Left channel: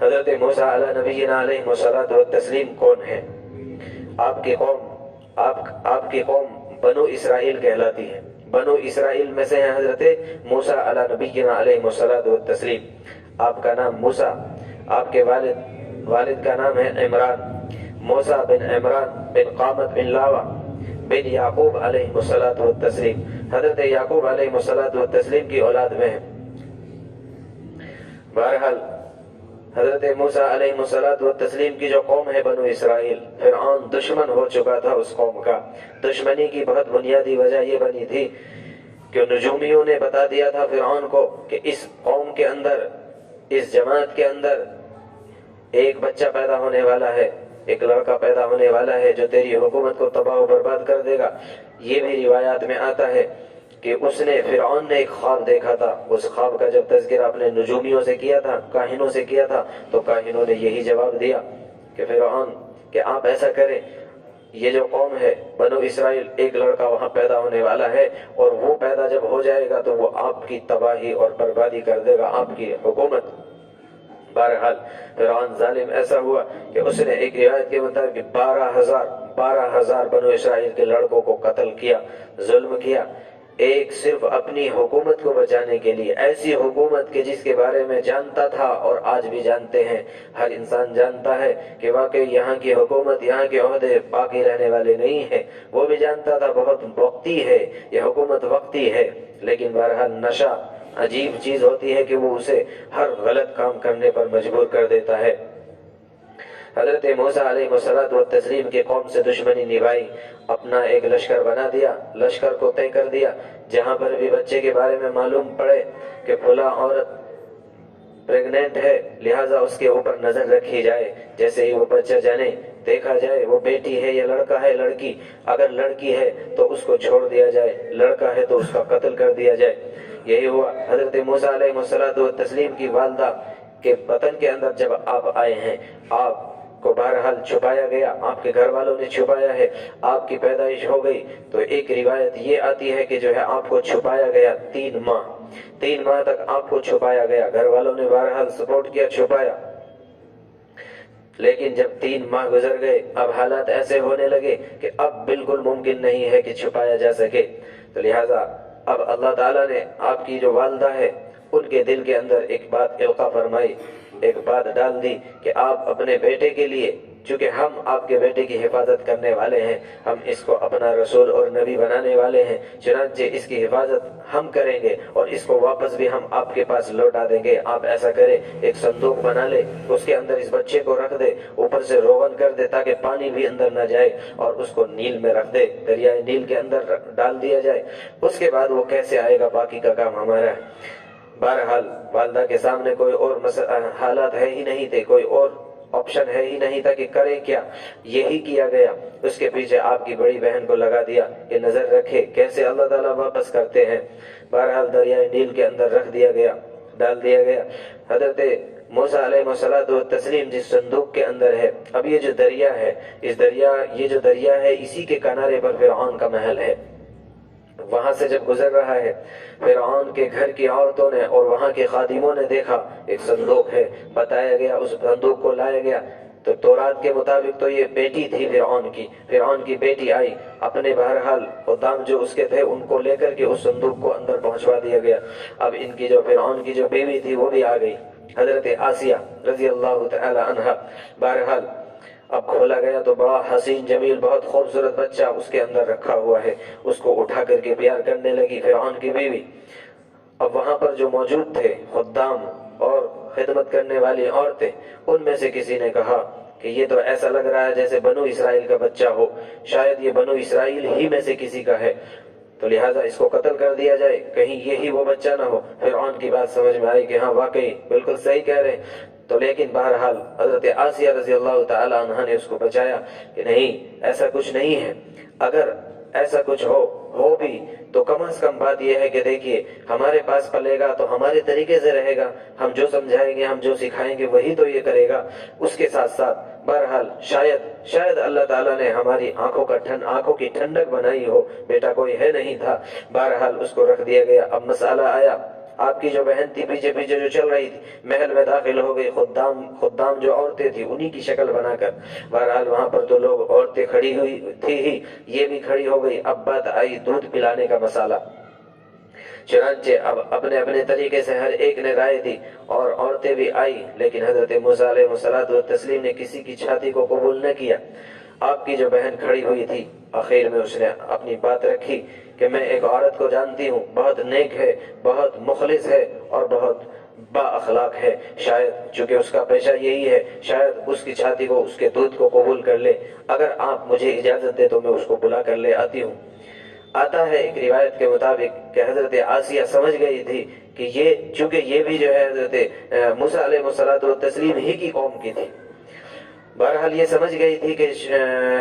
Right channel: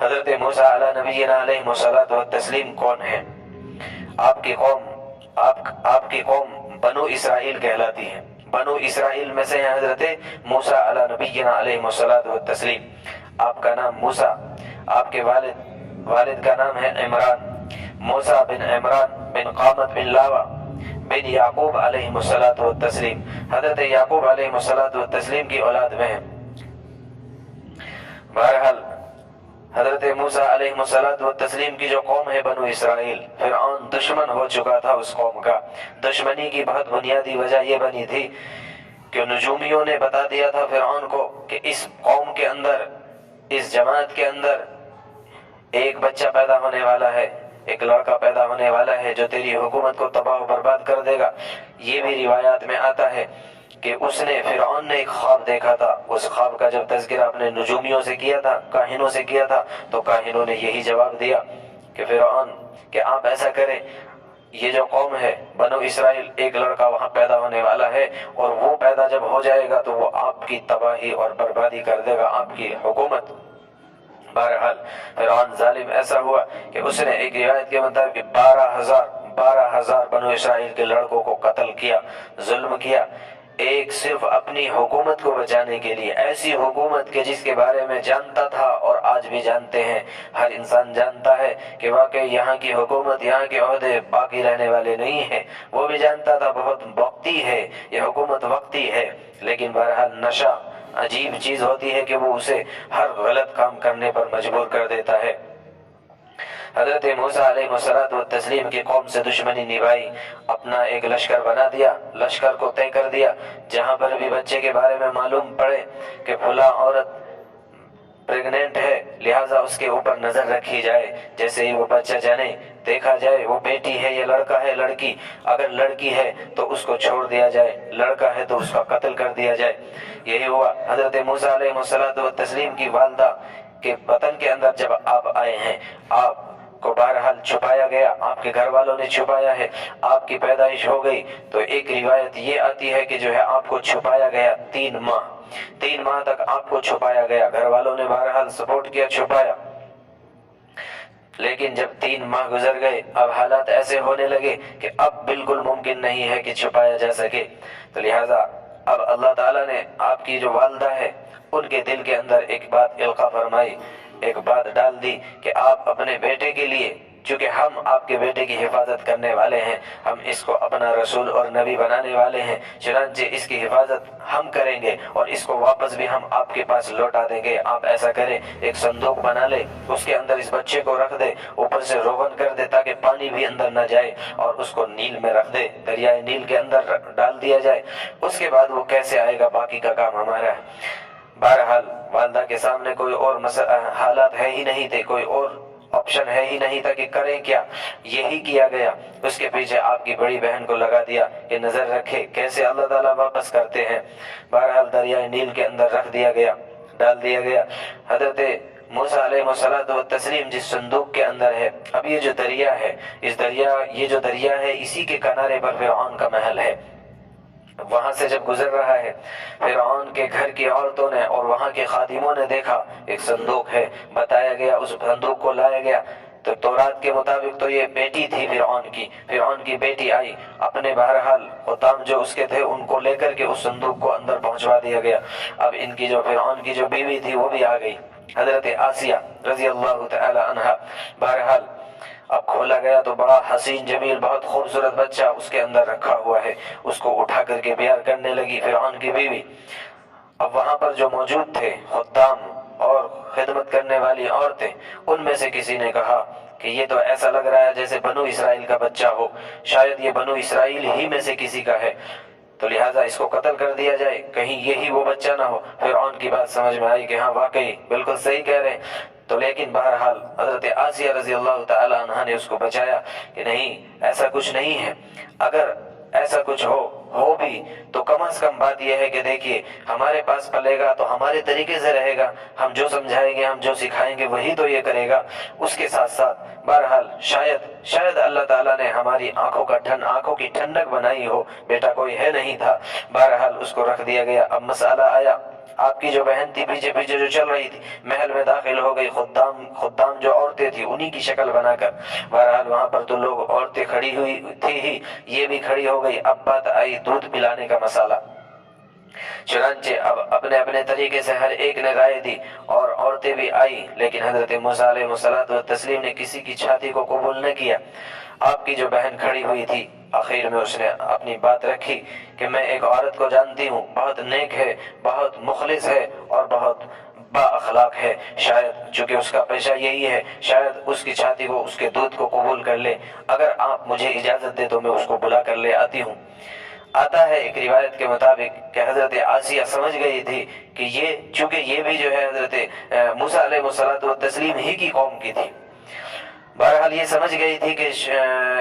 حضرت موسیٰ علیہ نبینا علیہ الصلوۃ والتسلیم کون ہیں؟ آپ کی قوم بنو اسرائیل کہلاتی ہے۔ بنو اسرائیل میں سے ہیں حضرت موسیٰ علیہ نبینا علیہ الصلوۃ والتسلیم۔ آپ کا نام موسیٰ، آپ کے والد کا نام ہے عمران، موسیٰ بن عمران بن قامت بن لاوا بن یعقوب علیہ الصلوۃ والتسلیم۔ حضرت یعقوب علیہ الصلوۃ والتسلیم کی اولاد میں ہیں۔ بہرحال حضرت موسیٰ علیہ الصلوۃ والتسلیم کی جو قوم ہے بنو اسرائیل، فرعون دشمن ہو چکا تھا اس قوم کا۔ دشمنی کی بہت بنیادی وجہ یہ بنی تھی کہ نجومیوں نے بتا دیا تھا فرعون کو کہ اس قوم کے اندر، اس جماعت کے اندر ایک بچہ پیدا ہونے والا ہے، ایک لڑکا پیدا ہونے والا ہے جو تیری حکومت کو تباہ و برباد کر دے گا۔ یہ بھی روایات میں آتا ہے کہ فرعون نے ایک خواب دیکھا تھا۔ اس خواب کا جب تذکرہ اپنے نجومیوں سے کیا تھا، کاہنوں سے کیا تھا، تو کاہنوں نے یہی جواب دیا کہ فرعون کہ آپ ایسا کریں، یہ جو قوم ہے بنو اسرائیل، ایک لڑکا وہاں پیدا ہونے والا ہے، اور وہ پیدا جب ہو جائے گا تو وہ آپ کی تباہی اور بربادی کر دے گا، آپ کی حکومت۔ بہرحال فرعون ظالم ایسا ہوا کہ اس نے ایک روایت کے مطابق 12,000 بنو اسرائیل کے لڑکوں کو قتل کیا، ظلم کیا، ایک صرف اپنی حکومت کو بچانے کے لیے۔ ایسی حکومت کے جس کے بارے میں جانتا تھا اور آج بھی جانتے ہیں، ہر انسان جانتا ہے کہ واقعی یہاں کی حکومت، یہاں کے عہدے باقی رہنے والے نہیں ہیں۔ وہ بھی جانتا تھا بہت وقتی ہے، یہ حکومت وقتی ہے، لیکن بہرحال نشہ عجیب چیز ہوتی ہے کہ وہ اسے ہر غلط کام کرنے پر مجبور کر دیتا ہے۔ حضرت موسیٰ علیہ الصلوۃ والتسلیم کی قوم سے دشمنی نبھائی، اپنا ایک لشکر بنا دیا، لشکر کو طے کر دیا، جہاں پر بھی بچے کے بارے میں معلوم پڑے کہ فلاں عورت پریگننٹ ہے، لہٰذا اس کے اوپر نظر رکھی جائے، جیسے ہی وہ بچہ جانے دیکھا جائے وہ بیٹی ہے یا لڑکا ہے، لڑکی، اگر لڑکی ہے تو اس کو چھوڑ دیا جائے، لڑکا ہے تو اس کا قتل کر دیا جائے۔ یہی ہوا۔ حضرت موسیٰ علیہ الصلوۃ والتسلیم کی والدہ کے وطن کے اندر جب آپ آئے ہیں، آپ کو بہرحال چھپایا گیا، آپ کے گھر والوں نے چھپایا ہے، آپ کی پیدائش ہو گئی تو ایک روایت یہ آتی ہے کہ جو ہے آپ کو چھپایا گیا 3 ماہ تک آپ کو چھپایا گیا۔ گھر والوں نے بہرحال سپورٹ کیا، چھپایا، لیکن جب 3 ماہ گزر گئے، اب حالات ایسے ہونے لگے کہ اب بالکل ممکن نہیں ہے کہ چھپایا جا سکے، تو لہٰذا اب اللہ تعالیٰ نے آپ کی جو والدہ ہے ان کے دل کے اندر ایک بات القا فرمائی، ایک بات ڈال دی کہ آپ اپنے بیٹے کے لیے، چونکہ ہم آپ کے بیٹے کی حفاظت کرنے والے ہیں، ہم اس کو اپنا رسول اور نبی بنانے والے ہیں، چنانچہ اس کی حفاظت ہم کریں گے اور اس کو واپس بھی ہم آپ کے پاس لوٹا دیں گے۔ آپ ایسا کریں، ایک صندوق بنا لے، اس کے اندر اس بچے کو رکھ دے، اوپر سے روغن کر دے تاکہ پانی بھی اندر نہ جائے، اور اس کو نیل میں رکھ دے، دریائے نیل کے اندر ڈال دیا جائے۔ اس کے بعد وہ کیسے آئے گا، باقی کا کام ہمارا ہے۔ بہرحال والدہ کے سامنے کوئی اور حالات ہے ہی نہیں تھے، کوئی اور آپشن ہے ہی نہیں تھا کہ کریں کیا، یہی کیا گیا۔ اس کے پیچھے آپ کی بڑی بہن کو لگا دیا کہ نظر رکھے کیسے اللہ تعالیٰ واپس کرتے ہیں۔ بہرحال دریائے نیل کے اندر رکھ دیا گیا، ڈال دیا گیا۔ حضرت موسیٰ علیہ الصلوۃ والتسلیم جس صندوق کے اندر ہے، اب یہ جو دریا ہے، یہ جو دریا ہے اسی کے کنارے پر فرعون کا محل ہے۔ وہاں سے جب گزر رہا ہے، فرعون کے گھر کی عورتوں نے اور وہاں کے خادموں نے دیکھا ایک صندوق ہے، بتایا گیا، اس صندوق کو لایا گیا تو تورات کے مطابق تو یہ بیٹی تھی فرعون کی بیٹی آئی، اپنے بہرحال خدام جو اس کے تھے ان کو لے کر کے اس صندوق کو اندر پہنچوا دیا گیا۔ اب ان کی جو فرعون کی جو بیوی تھی وہ بھی آ گئی، حضرت آسیہ رضی اللہ تعالی عنہا۔ بہرحال اب کھولا گیا تو بڑا حسین جمیل، بہت خوبصورت بچہ اس کے اندر رکھا ہوا ہے، اس کو اٹھا کر کے پیار کرنے لگی فرعون کی بیوی۔ اب وہاں پر جو موجود تھے خدام اور خدمت کرنے والی عورتیں، ان میں سے کسی نے کہا کہ یہ تو ایسا لگ رہا ہے جیسے بنو اسرائیل کا بچہ ہو، شاید یہ بنو اسرائیل ہی میں سے کسی کا ہے، تو لہٰذا اس کو قتل کر دیا جائے، کہیں یہی وہ بچہ نہ ہو۔ فرعون کی بات سمجھ میں آئی کہ ہاں واقعی بالکل صحیح کہہ رہے ہیں، تو لیکن بہرحال حضرت آسیہ رضی اللہ تعالی عنہ نے اس کو بچایا کہ نہیں، ایسا کچھ نہیں ہے، اگر ایسا کچھ ہو بھی تو کم از کم بات یہ ہے کہ دیکھیے ہمارے پاس پلے گا تو ہمارے طریقے سے رہے گا، ہم جو سمجھائیں گے، ہم جو سکھائیں گے وہی تو یہ کرے گا۔ اس کے ساتھ ساتھ بہرحال شاید اللہ تعالیٰ نے ہماری آنکھوں کی ٹھنڈک بنائی ہو، بیٹا کوئی ہے نہیں تھا۔ بہرحال اس کو رکھ دیا گیا۔ اب مسئلہ آیا آپ کی جو بہن تھی پیچھے پیچھے جو چل رہی تھی، محل میں داخل ہو گئی، خدام جو عورتیں تھیں انہی کی شکل بنا کر۔ بہرحال وہاں پر تو لوگ عورتیں کھڑی ہوئی تھی ہی، یہ بھی کھڑی ہو گئی۔ اب بات آئی دودھ پلانے کا مسئلہ۔ چنانچہ اب اپنے اپنے طریقے سے ہر ایک نے رائے دی اور عورتیں بھی آئی، لیکن حضرت موسیٰ علیہ السلام نے کسی کی چھاتی کو قبول نہ کیا۔ آپ کی جو بہن کھڑی ہوئی تھی، آخر میں اس نے اپنی بات رکھی کہ میں ایک عورت کو جانتی ہوں، بہت نیک ہے، بہت مخلص ہے اور بہت با اخلاق ہے، شاید چونکہ اس کا پیشہ یہی ہے، شاید اس کی چھاتی کو، اس کے دودھ کو قبول کر لے۔ اگر آپ مجھے اجازت دے تو میں اس کو بلا کر لے آتی ہوں۔ آتا ہے ایک روایت کے مطابق کہ حضرت آسیہ سمجھ گئی تھی کہ چونکہ یہ بھی جو ہے حضرت موسیٰ علیہ السلام ہی کی قوم کی تھی، بہرحال یہ سمجھ گئی تھی کہ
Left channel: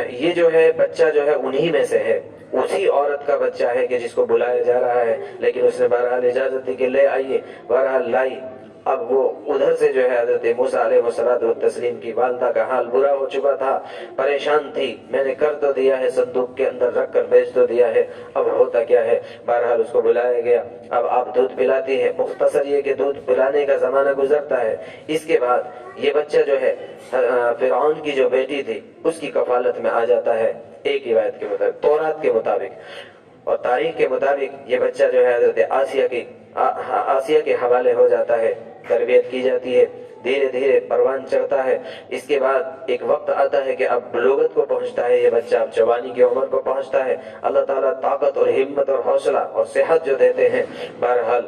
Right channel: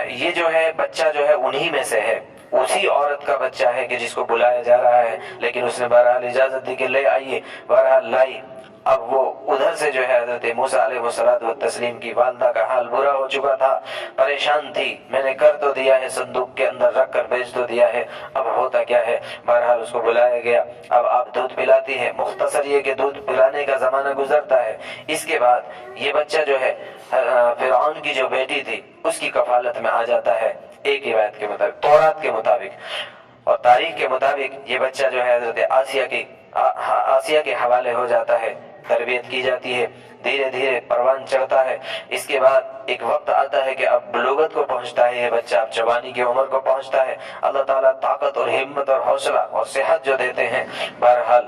یہ جو ہے بچہ جو ہے انہی میں سے ہے، اسی عورت کا بچہ ہے کہ جس کو بلایا جا رہا ہے، لیکن اس نے بہرحال اجازت دی کہ لے آئیے، بہرحال لائی۔ اب وہ ادھر سے جو ہے حضرت موسیٰ علیہ السلام کی والدہ کا حال برا ہو چکا تھا، پریشان تھی، میں نے کر تو دیا ہے، صندوق کے اندر رکھ کر بیچ تو دیا ہے، اب ہوتا کیا ہے۔ بہرحال اس کو بلایا گیا، اب آپ دودھ پلاتی ہیں، مختصر یہ کہ دودھ پلانے کا زمانہ گزرتا ہے۔ اس کے بعد یہ بچہ جو ہے فرعون کی جو بیٹی تھی اس کی کفالت میں آ جاتا ہے، ایک روایت کے مطابق، تورات کے مطابق اور تاریخ کے مطابق یہ بچہ جو ہے حضرت آسیہ کے حوالے ہو جاتا ہے، تربیت کی جاتی ہے، دھیرے دھیرے پروان چڑھتا ہے۔ اس کے بعد ایک وقت آتا ہے کہ اب بلوغت کو پہنچتا ہے یہ بچہ، اب جوانی کی عمر کو پہنچتا ہے۔ اللہ تعالیٰ طاقت اور ہمت اور حوصلہ اور صحت جو دیتے ہیں، بہرحال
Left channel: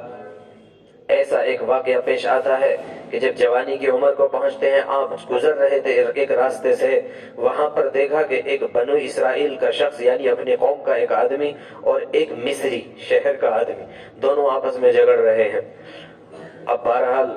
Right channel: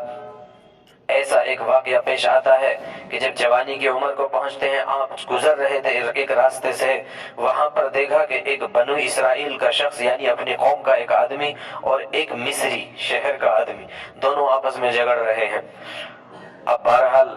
ایسا ایک واقعہ پیش آتا ہے کہ جب جوانی کی عمر کو پہنچتے ہیں، آپ گزر رہے تھے ایک راستے سے، وہاں پر دیکھا کہ ایک بنو اسرائیل کا شخص، یعنی اپنی قوم کا ایک آدمی اور ایک مصری شہر کا آدمی، دونوں آپس میں جھگڑ رہے ہیں۔ اب بہرحال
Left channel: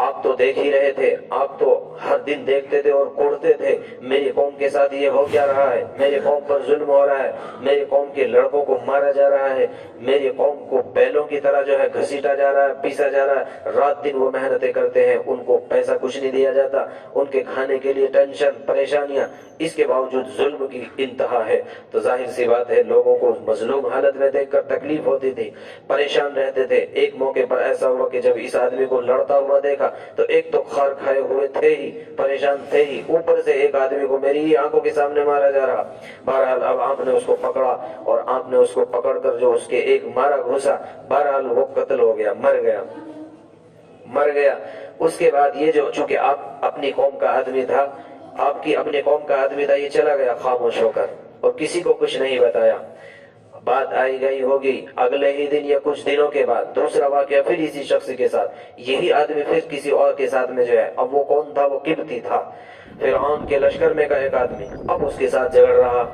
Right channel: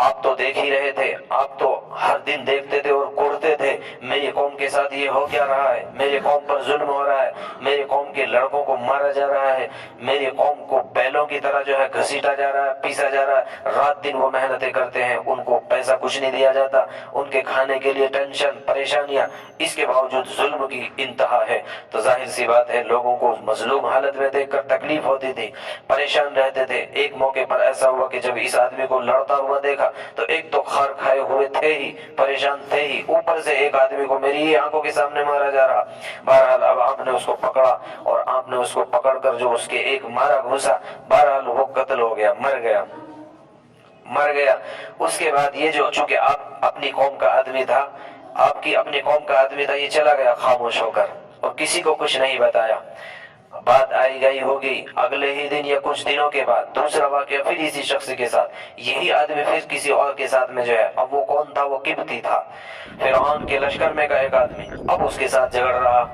آپ تو دیکھ ہی رہے تھے، آپ تو ہر دن دیکھتے تھے اور کوڑتے تھے، میری قوم کے ساتھ یہ ہو کیا رہا ہے، میری قوم پر ظلم ہو رہا ہے، میری قوم کے لڑکوں کو مارا جا رہا ہے، میری قوم کو بیلوں کی طرح جو ہے گھسیٹا جا رہا ہے، پیسا جا رہا ہے، رات دن وہ محنتیں کرتے ہیں، ان کو پیسہ کچھ نہیں دیا جاتا، ان کے کھانے کے لیے ٹینشن، پریشانیاں، اس کے باوجود ظلم کی انتہا ہے۔ تو ظاہر سی بات ہے لوگوں کو مظلوم حالت میں دیکھ کر تکلیف ہوتی تھی، پریشان رہتے تھے۔ ایک موقع پر ایسا ہوا کہ جب اس آدمی کو لڑتا ہوا دیکھا تو ایک تو خار کھائے ہوئے تھے ہی، پریشان تھے ہی، اوپر سے ایک آدمی کو میری ہی آنکھوں کے سامنے مارا جا رہا۔ بہرحال اب آپ نے اس کو پکڑا اور آپ نے اس کو پکڑ کر جو اس کے ایک مارا گھسا، بہرحال وہ قتل ہو گیا، مر گیا۔ اس کے بعد یہ جو چونکہ آپ اپنی قوم کا آدمی تھا، آپ کی اپنی قوم کا آدمی تھا، یہ چلا گیا خاموش ہو کر اور کسی کو کچھ نہیں بتایا۔ بات آئی گئی ہوگی، اگلے ہی دن یا کچھ دنوں کے بعد دوسرا واقعہ پھر اسی شخص کے ساتھ، یہی آدمی پھر کسی اور کے ساتھ میں جو ہے، اب وہ کون تھا؟ وہ قبطی تھا، فرعون کے لشکر میں کا ایک آدمی، اب اس کے ساتھ جھگڑ رہا۔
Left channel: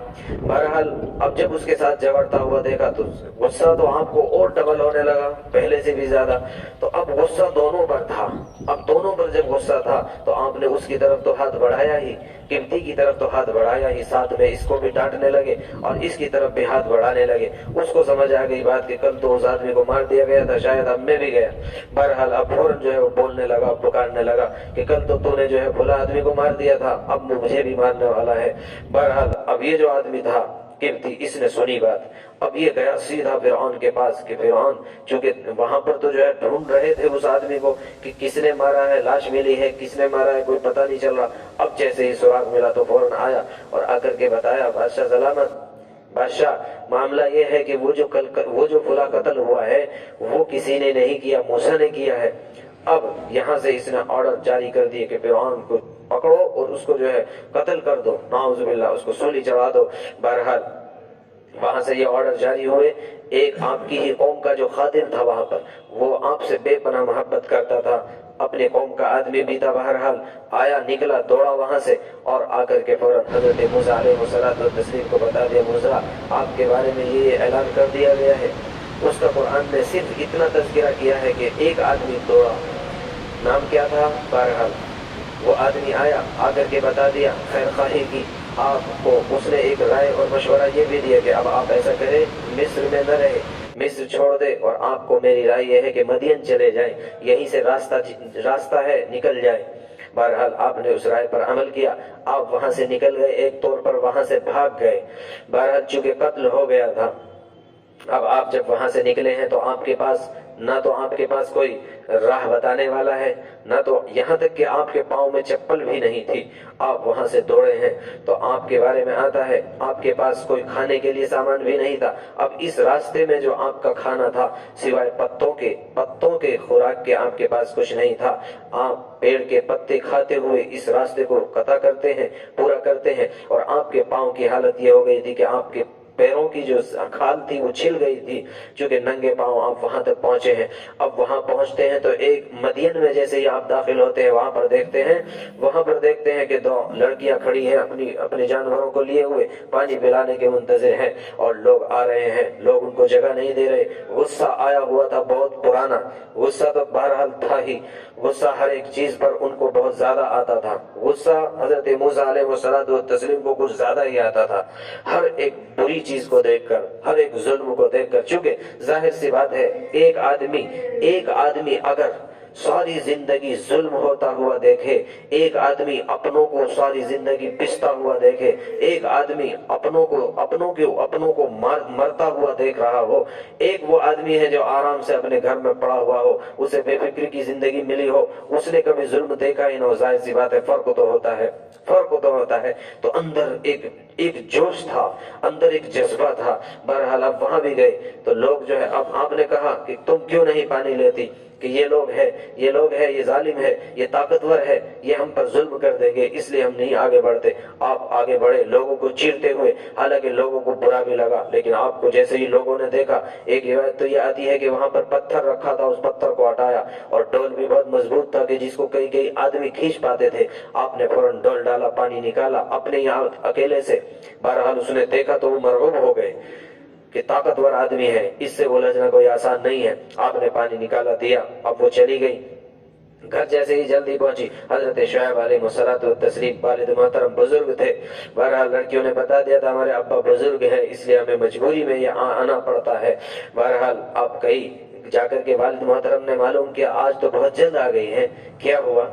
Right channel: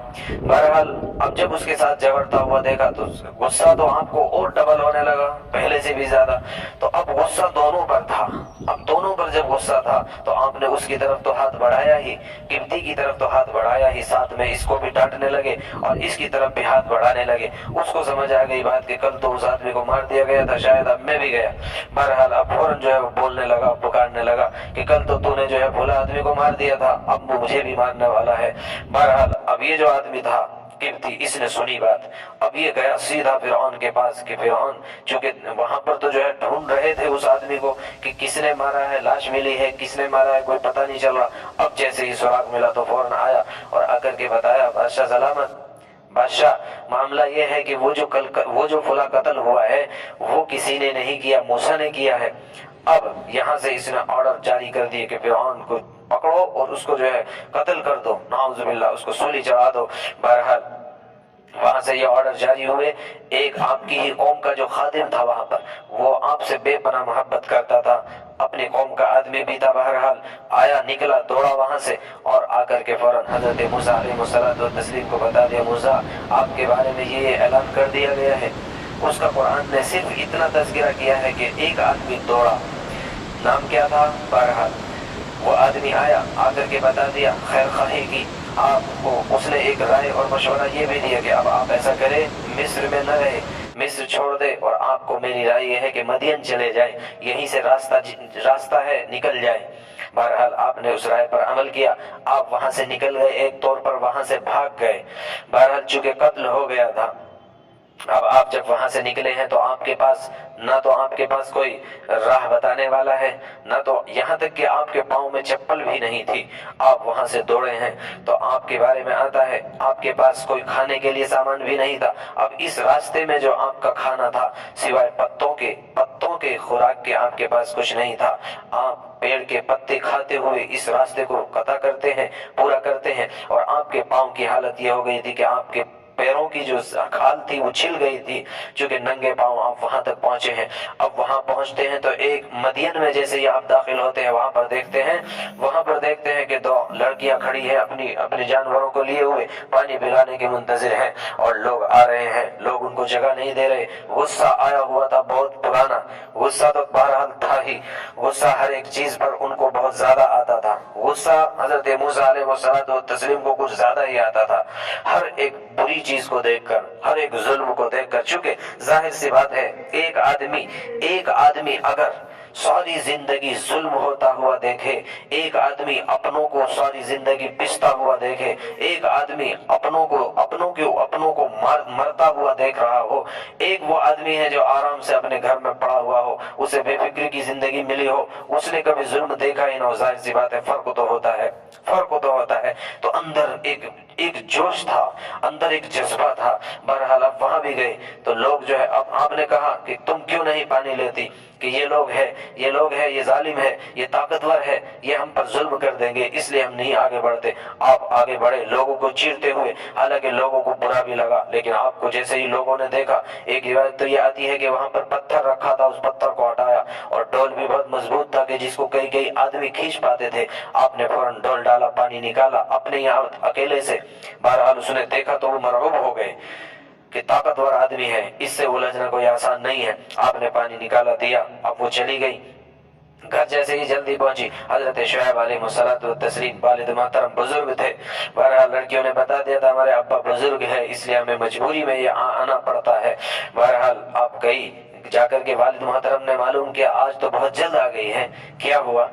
بہرحال اب جب اس کے ساتھ جھگڑتا ہوا دیکھا تو غصہ تو آپ کو اور ڈبل ہونے لگا، پہلے سے بھی زیادہ۔ تو اب غصہ دونوں پر تھا، اب دونوں پر جب غصہ تھا تو آپ نے اس کی طرف تو ہاتھ بڑھایا ہی، قبطی کی طرف تو ہاتھ بڑھایا ہی، ساتھ میں اس کو بھی ڈانٹنے لگے اور اس کی طرف بھی ہاتھ بڑھانے لگے۔ اس کو سمجھ آ گئی بات کہ کل تو اس آدمی کو مار دیا گیا تھا، شاید اب میں بھی گیا۔ بہرحال اب فوراً جو ہے وہ بولنے لگا، پکارنے لگا کہ کل تو نے جو ہے بھلا آدمی کو مار دیا تھا، اب مجھے بھی مارنے والا ہے۔ بہرحال اب یہ جو آدمی تھا قبطی، اس نے سنی بات، اب یہ گیا سیدھا فرعون کے پاس کہ فرعون، چونکہ وہاں پر تو جو ہے ڈھونڈ رہے تھے اس آدمی کو کہ کس نے مارا ہے، لاش ملی ہے، کس نے مارا ہے کوئی پتہ نہیں چل رہا۔ اب جیسے ہی سراغ ملا تو فوراً آیا اور آ کر کے بتایا، بادشاہ سلامت، بادشاہ معاملہ یہ ہے کہ وہ جو فلاں قتل ہوا ہے وہ کسی نے نہیں کیا، موسیٰ نے کیا ہے۔ اب یہاں سے اس نے آرڈر جاری کر دیے کہ فرعون کو پکڑو اور اس کو جو ہے قتل کر دو، نعوذ باللہ، اس کو سولی چڑھا دو۔ بہرحال وہاں سے یہ آرڈر جاری ہوئے۔ ایک آپ کی ہی قوم کا جو خادم تھا وہاں پر، وہ آپ سے بے پناہ محبت کرتا تھا، اپنے قوم کا آدمی بھی تھا، بہرحال آیا، نکلا، دوڑا وہاں سے اور آ کر کے فوراً حضرت موسیٰ علیہ السلام کو بتا دیا، موسیٰ آپ کے بارے میں یہ اعلان کر دیا گیا ہے۔ اس کا قرآن نے صرف اتنا تذکرہ کیا ہے کہ ایک آدمی دوڑا، نام کیا تھا؟ بہرحال وہ آدمی آیا، آ کر کے بتا دیا، خیر خواہی کی آپ کو۔ اس نے ایک رائے اور مشورہ یہ بھی دیا کہ اب آپ ایسا کریں، مصر میں نہ رہے، مصر چھوڑ دے، اور آپ کو میری رائے یہ ہے کہ مدین چلے جائیں، یہیں سے راستہ ہے، نکل جائے۔ بہرحال آپ نے اس رائے پر عمل کیا، آپ وہاں سے نکل گئے، ایک طور پر وہاں سے بھاگ گئے۔ بہرحال چونکہ قتل ہو گیا تھا، اب آپ جب وہاں سے نکلے ہیں تو آپ کے پاس کوئی راہ بتانے والا ہے، نہ تو یہاں تک کہ آپ کے پاؤں میں چپل بھی نہیں تھی، آپ وہاں سے دوڑے ہیں۔ تو آپ کے بارے میں آتا ہے آپ کے پاس کوئی کھانے کے لیے سامان بھی نہیں تھا۔ اب اس راستے میں جو آپ کا کھانا تھا سوائے پتوں کے خوراک کے آپ کے پاس کچھ نہیں تھا۔ آپ پیڑ کے پتے کھاتے ہوئے اس راستے کو قطع کرتے ہیں، پورا کرتے ہیں، اور آپ کے پاؤں کی حالت یہ ہو گئی تھی کہ آپ کے پیروں کی جو کھال تھی وہ چھل گئی تھی، چونکہ ننگے پاؤں آپ وہاں تک پہنچے ہیں۔ اب وہاں پہنچتے ہیں تو ایک مدین میں جیسے ہی آپ داخل ہوتے ہیں وہاں پر دیکھتے ہیں کہ دو لڑکیاں کھڑی ہیں اپنے جانوروں کو لیے ہوئے، پانی پلانے کے منتظر ہیں، اور لوگ آ رہے ہیں، لوگ ان کو جگہ نہیں دے رہے۔ غصہ آیا ہوا تھا بہت پرانا، غصہ تو بہرحال تھا ہی، غصہ ہر ایک چیز پر ان کو بہت زیادہ آتا تھا۔ غصہ حضرت موسیٰ علیہ السلام کو کچھ زیادہ ہی آتا تھا، ہر ایک بری چیز کو دیکھ کر، ہر ایک ظلم کو دیکھ کر، چونکہ ظاہر سی بات ہے ایک آدمی اگر ساری زندگی ظلم ہوتا ہوا دیکھے، ایک آدمی اپنوں کو ساری زندگی پستا ہوا دیکھے، ایک آدمی اپنوں کو مرتا ہوا دیکھ رہا ہو، ایک وہ آدمی ہے جو آرام سے اپنے گھر میں پڑا ہوا ہو، اسے بے فکری کی زندگی ملی ہو، اس نے کبھی ظلم دیکھا ہی نہ ہو، ظاہر سی بات ہے فرق تو ہوتا ہے۔ تو اندر ایک جوش تھا، اندر ایک جذبہ تھا۔ بہرحال اب وہاں بھی گئے تو لوگ جو ہے، اب آپ نے کہا کہ تم کیوں نہیں پانی لیتی، کہ یہ لوگ ہے، یہ ظالم ہے، یہ طاقتور ہے، یہ ہم پر ظلم کر دیں گے، اس لیے ہم نہیں آگے بڑھتے۔ آپ آگے بڑھے لوگوں کو چیرتے ہوئے، حالانکہ لوگوں کو برا بھی لگا، لیکن آپ کو جیسے ہی لوگوں نے دیکھا، ایک روایت تو یہ آتی ہے کہ وہاں پر پتھر رکھا تھا، اس پتھر کو ہٹایا، اور ڈول بھی بہت مضبوط تھا کہ جس کو کئی آدمی کھینچ پاتے تھے، آپ نے فوراً ڈول ڈالا، پانی نکالا اپنے یہاں اکیلے سے۔ بہرحال اس نے دیکھا تو وہ مرعوب ہو گئے کہ طاقتور آدمی ہے، اس سے الجھنا کوئی آسان نہیں ہے۔ آپ نے پانی نکالا، دیا، اب وہ چلی گئی۔ گھر جیسے ہی جلدی پہنچی، حضرت شعیب علیہ السلام والد محترم بزرگ تھے، بہرحال لڑکیوں نے بتا دیا تھا ہمارے ابا بزرگ ہے، اس لیے ہمیں مجبوری میں یہ آنا پڑتا ہے۔ بہرحال آپ گئی، جا کر کے والد محترم نے معلوم کیا آج تو بہت جلد آ گئی ہیں، کیا ہوا،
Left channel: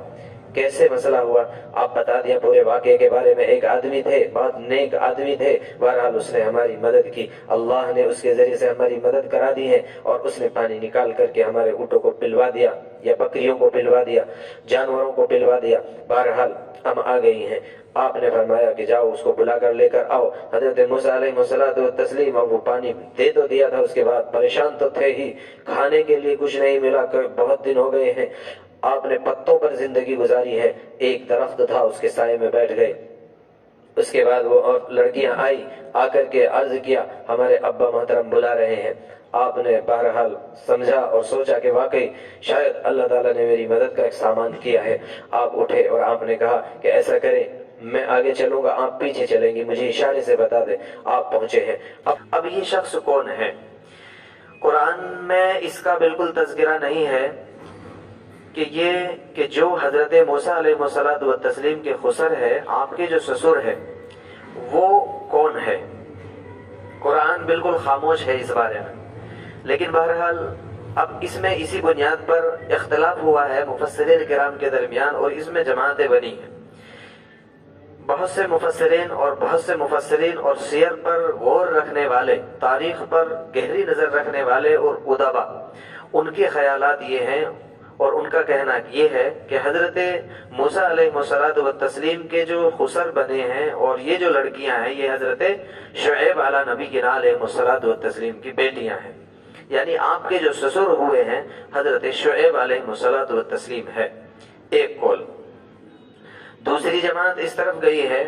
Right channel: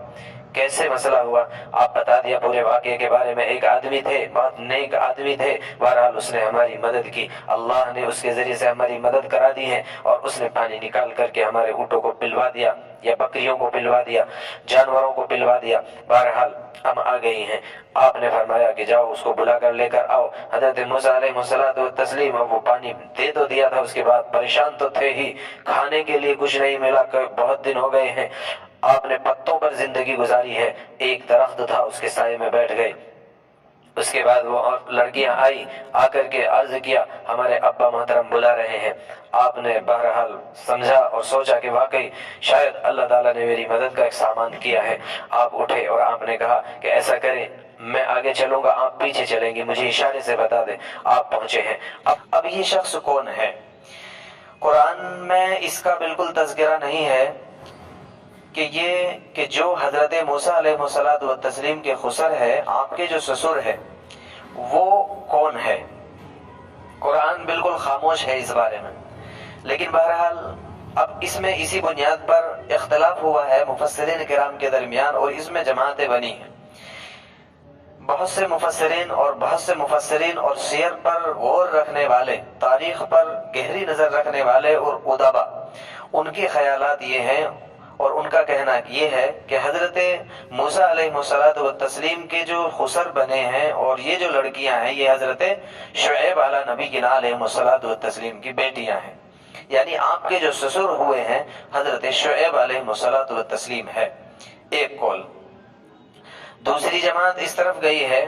کیسے مسئلہ ہوا؟ آپ بتا دیا پورے واقعے کے بارے میں۔ ایک آدمی تھے، بہت نیک آدمی تھے، بہرحال اس نے ہماری مدد کی، اللہ نے اس کے ذریعے سے ہماری مدد کرا دی ہے، اور اس نے پانی نکال کر کے ہمارے اونٹوں کو پلوا دیا، یا بکریوں کو پلوا دیا، جانوروں کو پلوا دیا۔ بہرحال ہم آ گئی ہیں۔ آپ نے فرمایا کہ جاؤ اس کو بلا کر لے کر آؤ۔ حضرت موسیٰ علیہ السلام، اب وہ پانی دے تو دیا تھا، اس کے بعد پریشان تو تھے ہی، کھانے کے لیے کچھ نہیں ملا، بہت دن ہو گئے ہیں، آپ نے پتوں پر زندگی گزاری ہے۔ ایک درخت تھا، اس کے سائے میں بیٹھ گئے۔ اس کے بعد وہ اور لڑکیاں آئی، آ کر کے عرض کیا ہمارے ابا محترم بلا رہے ہیں۔ آپ نے بہرحال سمجھا اور سوچا کہ واقعی شاید اللہ تعالیٰ نے میری مدد کا ایک سامان کیا ہے۔ آپ اٹھے اور آپ نے کہا کہ ایسا کریں، میں آگے چلوں گا، آپ پیچھے چلیں گی، مجھے اشارے سے بتا دیں۔ آپ پہنچے ہیں۔ اب یہ شخص کون ہے؟ قرآن میں اس کا بالکل تذکرہ نہیں ہے کہ جو حضرت موسیٰ علیہ السلام کے خسر ہے، آپ کے جو سسر ہے، وہ کون ہے؟ قرآن بالکل خاموش ہے اس بارے میں۔ لیکن بہرحال اب اس میں اسی بنیاد پر اختلاف ہوا ہے مفسرین کرام کے درمیان، اور اس میں جماعتیں بنی ہیں۔ بہت سے مفسرین اور سیر پر غور رکھنے والے، تاریخ پر گہری نظر رکھنے والے اور ادبا، ان کے خیالات یہ ہیں اور ان کا کہنا یہ ہے کہ حضرت موسیٰ علیہ السلام کے جو خسر بنے ہیں اور یہ جو لڑکیاں ہیں، یہ حضرت شعیب علیہ نبی کی علیہ السلام کی بیٹیاں ہیں، یعنی آپ کے جو سسر ہوئے ہیں حضرت شعیب علیہ السلام ہے، ایک قول۔ دوسری جماعت اس طرف گئی ہے،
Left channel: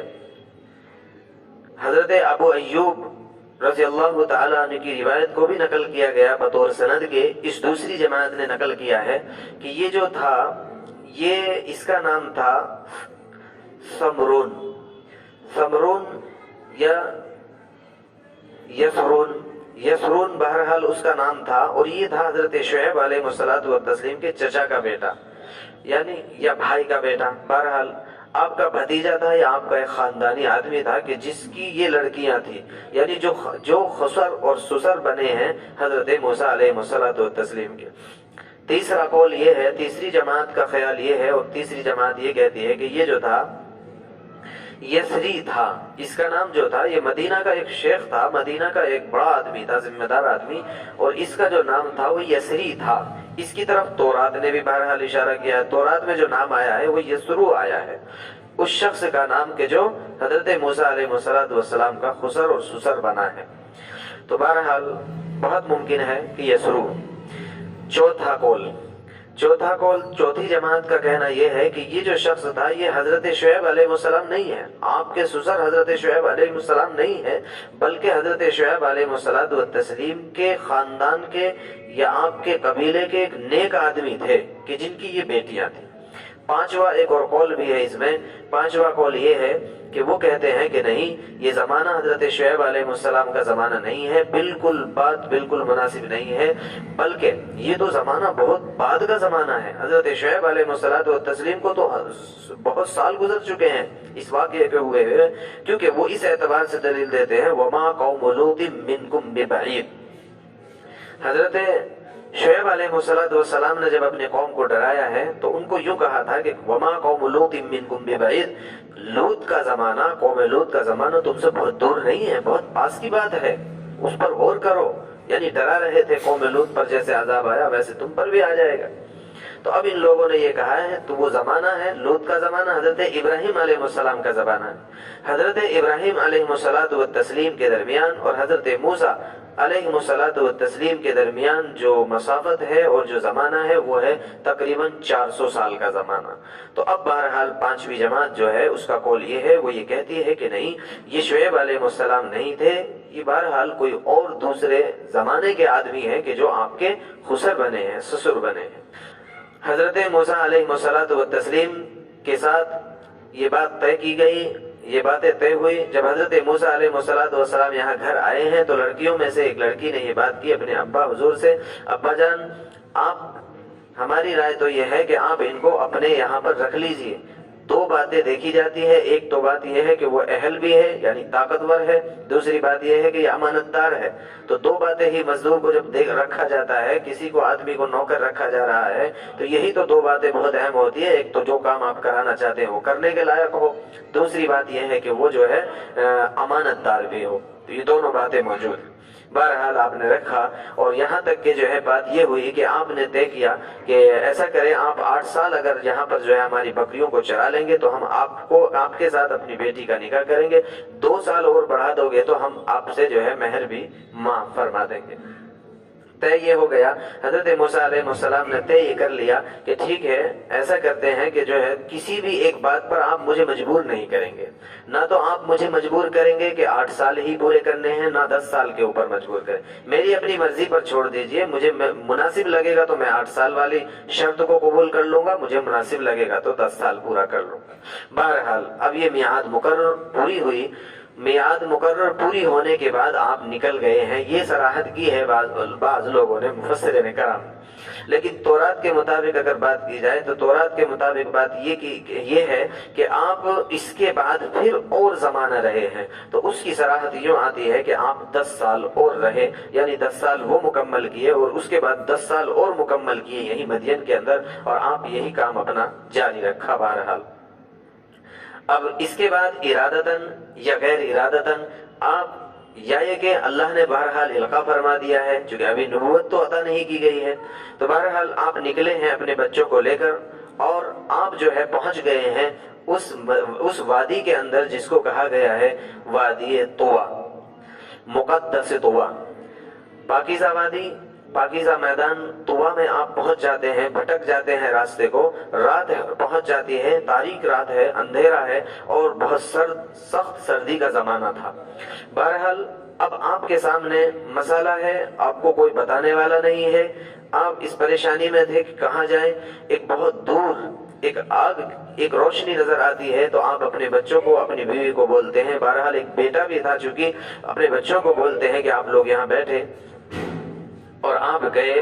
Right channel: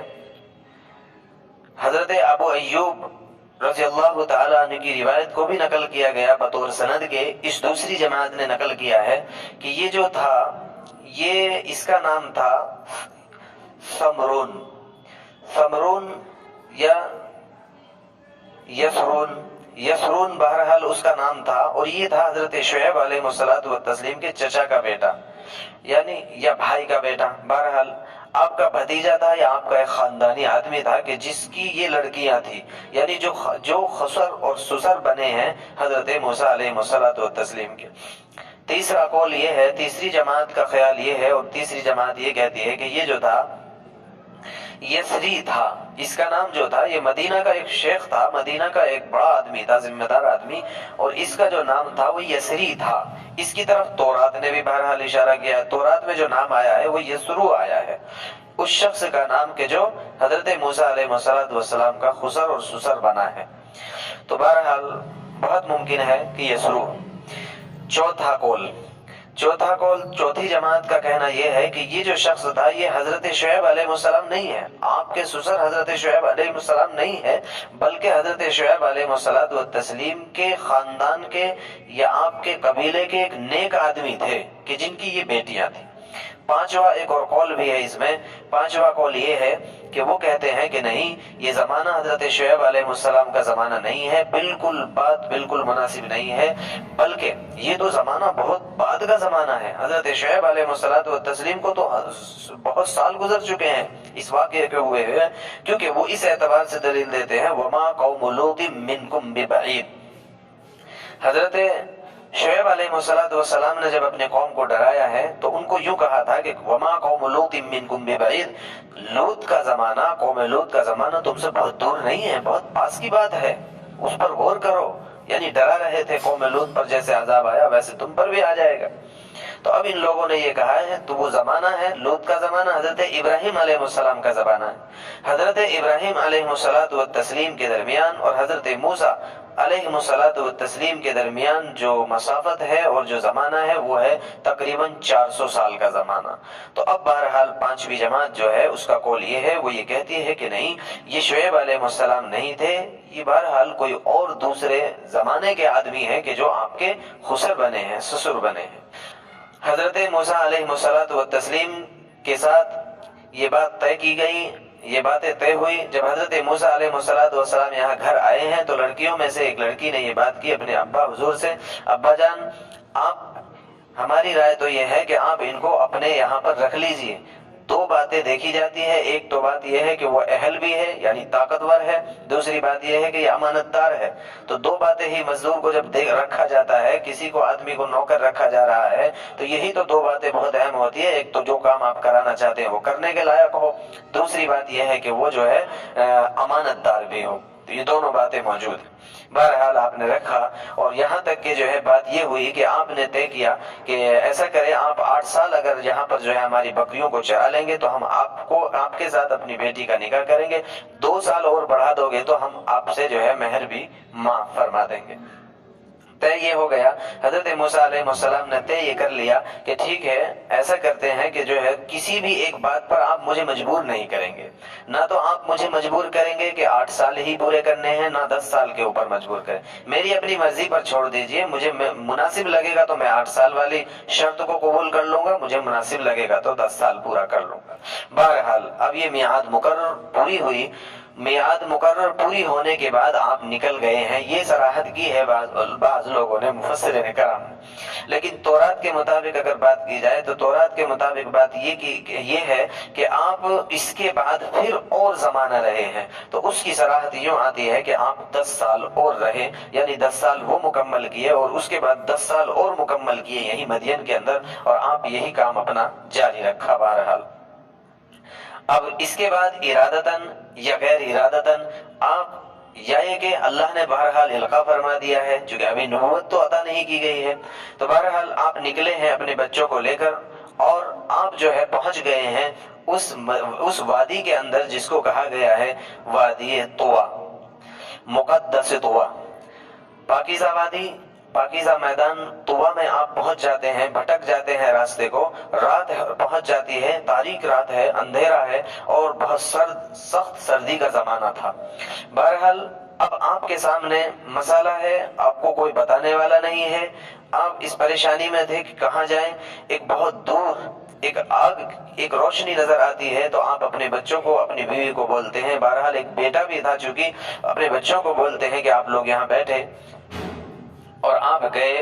حضرت ابو ایوب رضی اللہ تعالیٰ عنہ کی روایت کو بھی نقل کیا گیا بطور سند کے۔ اس دوسری جماعت نے نقل کیا ہے کہ یہ جو تھا، یہ اس کا نام تھا سمرون یا یسرون، بہرحال اس کا نام تھا، اور یہ تھا حضرت شعیب علیہ السلام کے چچا کا بیٹا، یعنی یا بھائی کا بیٹا، بہرحال آپ کا بھتیجا تھا یا آپ کا ایک خاندانی آدمی تھا کہ جس کی یہ لڑکیاں تھیں، یعنی جو خسر اور سسر بنے ہیں حضرت موسیٰ علیہ السلام کے۔ تیسرا قول یہ ہے، تیسری جماعت کا خیال یہ ہے، اور تیسری جماعت یہ کہتی ہے کہ یہ جو تھا یسری تھا، اس کا نام جو تھا یہ مدینہ کا ایک شیخ تھا، مدینہ کا ایک بڑا آدمی تھا، ذمہ دار آدمی، اور اس کا جو نام تھا وہ یسری تھا۔ اس کی طرف تورات نے بھی بہرحال اشارہ کیا ہے، تورات میں جو نام آیا ہے وہ یسرو آیا ہے، اس شخص کا نام کہ جو حضرت موسیٰ علیہ السلام کا خسر اور سسر بنا ہے۔ تو بہرحال بہت ممکن ہے کہ یسرو۔ چوتھا قول چوتھی جماعت کا کہنا یہ ہے کہ یہ جو شخص تھا یہ حضرت شعیب علیہ السلام نہیں ہے، آپ کے سسر حضرت شعیب علیہ السلام نہیں ہے، بلکہ حضرت شعیب علیہ السلام کے خاندان کے یا آپ کے قبیلے کے ایک نیک آدمی تھے کہ جن کی یہ بیٹیاں تھیں۔ پانچواں ایک اور قول بھی ہے اس میں، پانچواں قول یہ ہے کہ وہ کہتے ہیں کہ نہیں، یہ زمانہ حضرت شعیب علیہ السلام کا زمانہ نہیں ہے، بات بالکل مناسب نہیں ہے، بلکہ یہ تو زمانہ بہت بعد کا زمانہ ہے۔ حضرت شعیب علیہ السلام کو تو بہت سال گزر چکے ہیں اس واقعے کے ہوئے ہوئے، کیونکہ وہ اس اعتبار سے دلیل دیتے ہیں وَمَا قَوْمُ لُوطٍ مِّنْكُمْ بِبَعِيدٍ۔ حضرت شعیب علیہ السلام نے جب اپنے قوم کو ڈرایا ہے تو ان کو یوں کہا تھا کہ وَمَا قَوْمُ لُوطٍ مِّنْكُمْ بِبَعِيدٍ، لوط کا زمانہ، قوم لوط کا زمانہ تم سے بہت دور نہیں ہے، بہت پاس کی بات ہے، اس پر غور کرو۔ یعنی ڈرا رہے تھے قوم لوط پر، جیسے عذاب آیا ویسے تم پر بھی آ جائے گا۔ تو اب ان لوگوں نے یہ کہا ہے تو وہ زمانہ ہے لوط کا زمانہ، حضرت ابراہیم علیہ السلام کا زمانہ ہے۔ حضرت ابراہیم علیہ السلام کے درمیان اور حضرت موسیٰ علیہ السلام کے درمیان جو مسافت ہے اور جو زمانہ ہے وہ ہے تقریباً 400 سال کا زمانہ۔ تو اب بہرحال پانچویں جماعت جو ہے اس کا قول یہ ہے، وہ یہ کہتی ہے کہ نہیں، یہ شعیب علیہ السلام نہیں تھے، یہ بہرحال کوئی اور دوسرے زمانے کے آدمی ہیں کہ جو آپ کے خسر بنے ہیں، سسر بنے ہیں۔ حضرت موسیٰ علیہ السلام کے ساتھ یہ بات طے کی گئی، یہ باتیں طے ہوئی۔ جب حضرت موسیٰ علیہ السلام یہاں گھر آئے ہیں تو لڑکیوں میں سے ایک لڑکی نے یہ بات کی اپنے ابا حضور سے، ابا جان آپ، ہماری رائے تو یہ ہے کہ آپ ان کو اپنے یہاں پر رکھ لیجئے۔ دو باتیں دیکھی جاتی ہے، ایک تو بات یہ ہے کہ وہ اہل بھی ہے یعنی طاقتور ہے، دوسری بات یہ ہے کہ یہ امانت دار ہے۔ تو دو باتیں ہی مزدور کو جب رکھا جاتا ہے، کسی کو آدمی کو نوکر رکھا جا رہا ہے تو یہی تو دو باتیں بہت اہم ہوتی ہے، ایک تو جو کام آپ کرانا چاہتے ہیں وہ کرنے کے لائق ہو، دوسری بات یہ ہے کہ وہ جو ہے امانت دار بھی ہو، تو یہ دونوں باتیں موجود ہیں۔ بہرحال آپ نے رکھا، اور یہاں تک کہ جو ہے بات یہ ہوئی کہ آپ نے طے کیا کہ ایسا کریں، آپ 8 سال اگر یہاں پر جو ہے ہماری بکریوں کو چرا لیں گے تو ہم آپ کے ساتھ اپنی بیٹی کا نکاح کریں گے، 2 سال اور بڑھا دو گے تو ہم آپ سے جو ہے مہر بھی معاف فرما دیں گے۔ طے یہ ہو گیا، حضرت موسیٰ علیہ السلام نے طے یہ کر لیا کہ ٹھیک ہے، ایسا کرتے ہیں کہ جو ہے کسی بھی ایک بات پر آپ مجھے مجبور نہیں کریں گے، نہ تو آپ مجھے مجبور کریں گے کہ 8 سال ہی پورے کرنے ہیں، نہ 10 سال کے اوپر مجبور کریں، میری اپنی مرضی پر چھوڑ دیجئے، مجھے مناسب لگے گا تو میں 8 سال والی شرط کو قبول کر لوں گا، مجھے مناسب لگے گا تو 10 سال پورا کر لوں گا۔ بہرحال اب یہ میعاد مقرر پوری ہوئی، میعاد مقرر پوری ہونے کے بعد آپ نکل گئے ہیں، یہ صراحت کی ہے بعض لوگوں نے، مفسرین کرام۔ لیکن تورات کے مطابق اگر بات کی جائے تو تورات کے مطابق بات یہ ہے کہ آپ اس کے بعد پھر اور زمانہ رہے ہیں، تو اس کی صراحت یوں آتی ہے کہ آپ 10 سال اور رہے، یعنی 10 سال وہ مکمل کیے اور اس کے بعد 10 سال اور مکمل کیے یہی مدین کے اندر، اور آپ یہی کام اپنا جاری رکھا۔ بہرحال اب اس کے بعد ارادتاً یا غیر ارادتاً آپ، یا یہ کہ اللہ نے بہرحال القاء فرما دیا ہے، چونکہ ابھی نبوت تو عطا نہیں کی گئی ہے، تو بہرحال آپ نکلے ہیں اپنے بچوں کو لے کر، اور آپ جو ہے پہنچ گئے ہیں اس وادی کے اندر جس کو کہا گیا ہے وادی طویٰ، مقدس طویٰ، پاکیزہ وادی، پاکیزہ میدان طویٰ میں آپ پہنچ جاتے ہیں، بھٹک جاتے ہیں راستے کو، رات پہنچ جاتی ہے، تاریک رات ہے، اندھیرا ہے اور بہت سخت سردی کا زمانہ تھا۔ بہرحال اب آپ کے سامنے مسئلہ ہے، آپ کو کوئی بتانے والا نہیں ہے، آپ اس پریشانی میں تھے کہ کہاں جائیں۔ ایک بہت دور ایک آگ، ایک روشنی نظر آتی ہے، تو آپ اپنے بچوں کو، اپنی بیوی کو بولتے ہیں، بہرحال ایک بیٹا بھی تھا چونکہ، اپنے بچوں کو بولتے ہیں کہ آپ لوگ یہاں بیٹھے، اور آپ گئے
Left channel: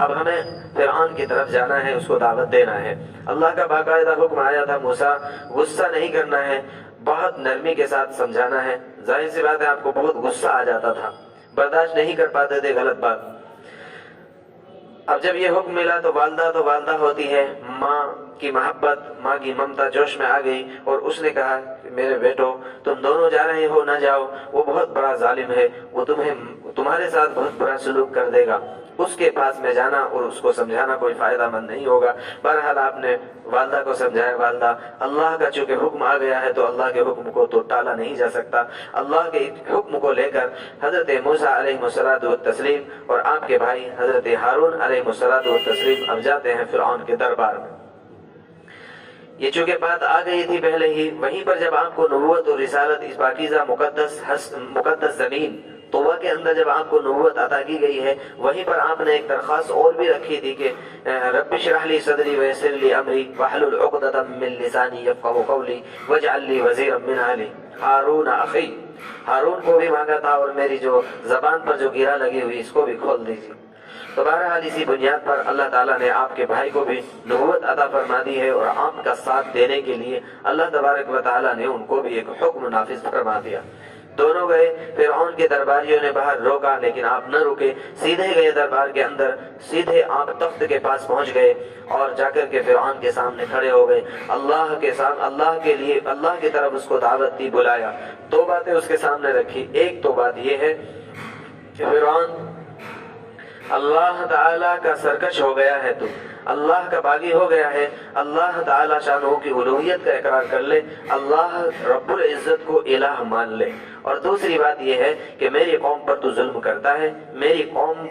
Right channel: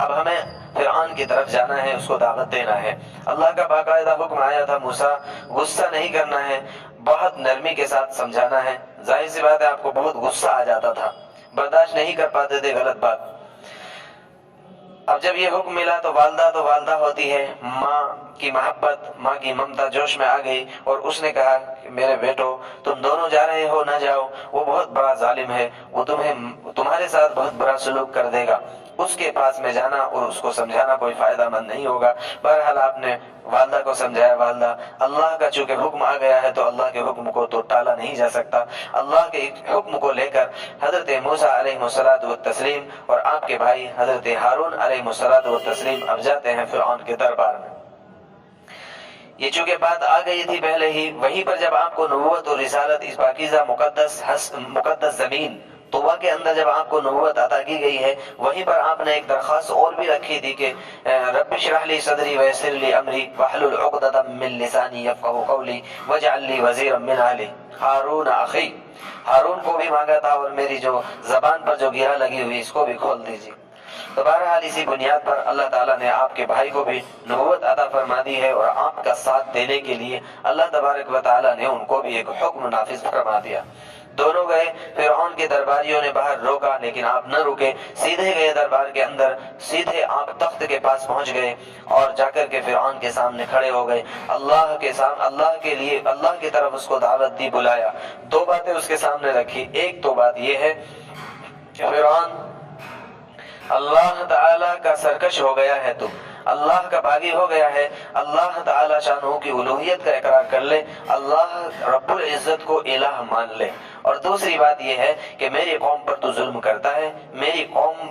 اب ہمیں فرعون کی طرف جانا ہے، اس کو دعوت دینا ہے۔ اللہ کا باقاعدہ حکم آیا تھا موسیٰ غصہ نہیں کرنا ہے، بہت نرمی کے ساتھ سمجھانا ہے۔ ظاہر سی بات ہے آپ کو بہت غصہ آ جاتا تھا، برداشت نہیں کر پاتے تھے غلط بات۔ اب جب یہ حکم ملا تو والدہ ہوتی ہے، ماں کی محبت، ماں کی ممتا جوش میں آ گئی، اور اس نے کہا کہ میرے بیٹو تم دونوں جا رہے ہو، نہ جاؤ، وہ بہت بڑا ظالم ہے، وہ تمہارے ساتھ بہت برا سلوک کر دے گا، اس کے پاس میں جانا اور اس کو سمجھانا کوئی فائدہ مند نہیں ہوگا۔ بہرحال آپ نے والدہ کو سمجھایا۔ والدہ، اللہ کا چونکہ حکم آ گیا ہے تو اللہ کے حکم کو تو ٹالا نہیں جا سکتا۔ اللہ کے حکم کو لے کر حضرت موسیٰ علیہ الصلوۃ والتسلیم اور آپ کے بھائی حضرت ہارون علیہ الصلوۃ والتسلیم اب جاتے ہیں فرعون کے دربار میں۔ یہ چونکہ بات آ گئی تھی پہلے ہی، وہیں پر جب آپ کو نبوت اور رسالت اس پاکیزہ مقدس زمین طوبہ کے اندر جب آپ کو نبوت عطا کی گئی ہے، وہیں پر آپ نے ایک درخواست اور بھی رکھی تھی کہ رب اشرح لی صدری ویسر لی امری واحلل عقدۃ من لسانی یفقہوا قولی واجعل لی وزیرا من اہلی ہارون اخی۔ ہارون کو بھی مانگا تھا، اور میری جو زبان پر جو گرا لگی ہوئی اس کو بھی کھول دیجیے۔ تو بہرحال اسی بنیاد پر اللہ تعالیٰ نے آپ کے بھائی کو بھی نبوت عطا فرما دی ہے، اور آپ کا ساتھ دینے کے لیے اللہ تبارک و تعالیٰ نے ان کو بھی ایک حکم نافذ فرما دیا۔ دونوں گئے، فرعون کے درباریوں نے باہر روکا لیکن آپ نہ رکے، سیدھے گئے دربار کے اندر، سیدھے آپ تخت کے پاس پہنچ گئے اور جا کر کے فرعون کے سامنے کھڑے ہو گئے۔ اللہ کے سامنے، اللہ کے لیے، اللہ کی طرف اس کو دعوت دی، بلایا۔ دو باتیں اس کے سامنے رکھی۔ ایک تو بات یہ ہے کہ فرعون، اللہ تعالیٰ کا سرکش ہو گیا ہے، تو اللہ کا باغی ہو گیا ہے، اللہ تعالیٰ شانہ کی الوہیت کا اقرار کر لے، اللہ رب العزت کو الہ مان لے۔ اور دوسری بات یہ ہے کہ میری قوم پر تو ظلم کرتا ہے، میری قوم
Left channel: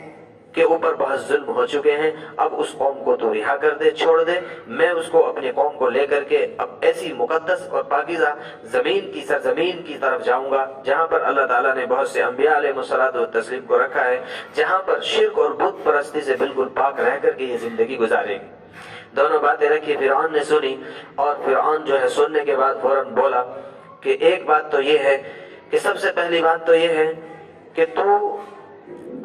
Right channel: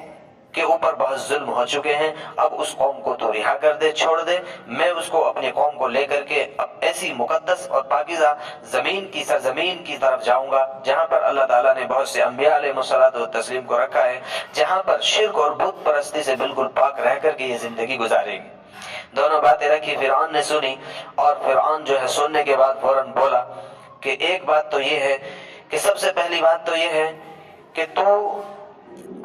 کے اوپر بہت ظلم ہو چکے ہیں، اب اس قوم کو تو رہا کر دے، چھوڑ دے، میں اس کو اپنی قوم کو لے کر کے اب ایسی مقدس اور پاکیزہ زمین کی سرزمین کی طرف جاؤں گا جہاں پر اللہ تعالیٰ نے بہت سے انبیاء علیہ الصلوۃ والتسلیم کو رکھا ہے، جہاں پر شرک اور بت پرستی سے بالکل پاک رہ کر کے یہ زندگی گزارے گی۔ دونوں باتیں رکھی، فرعون نے سنی، اور فرعون جو ہے سننے کے بعد فوراً بولا کہ ایک بات تو یہ ہے کہ سب سے پہلی بات تو یہ ہے کہ تو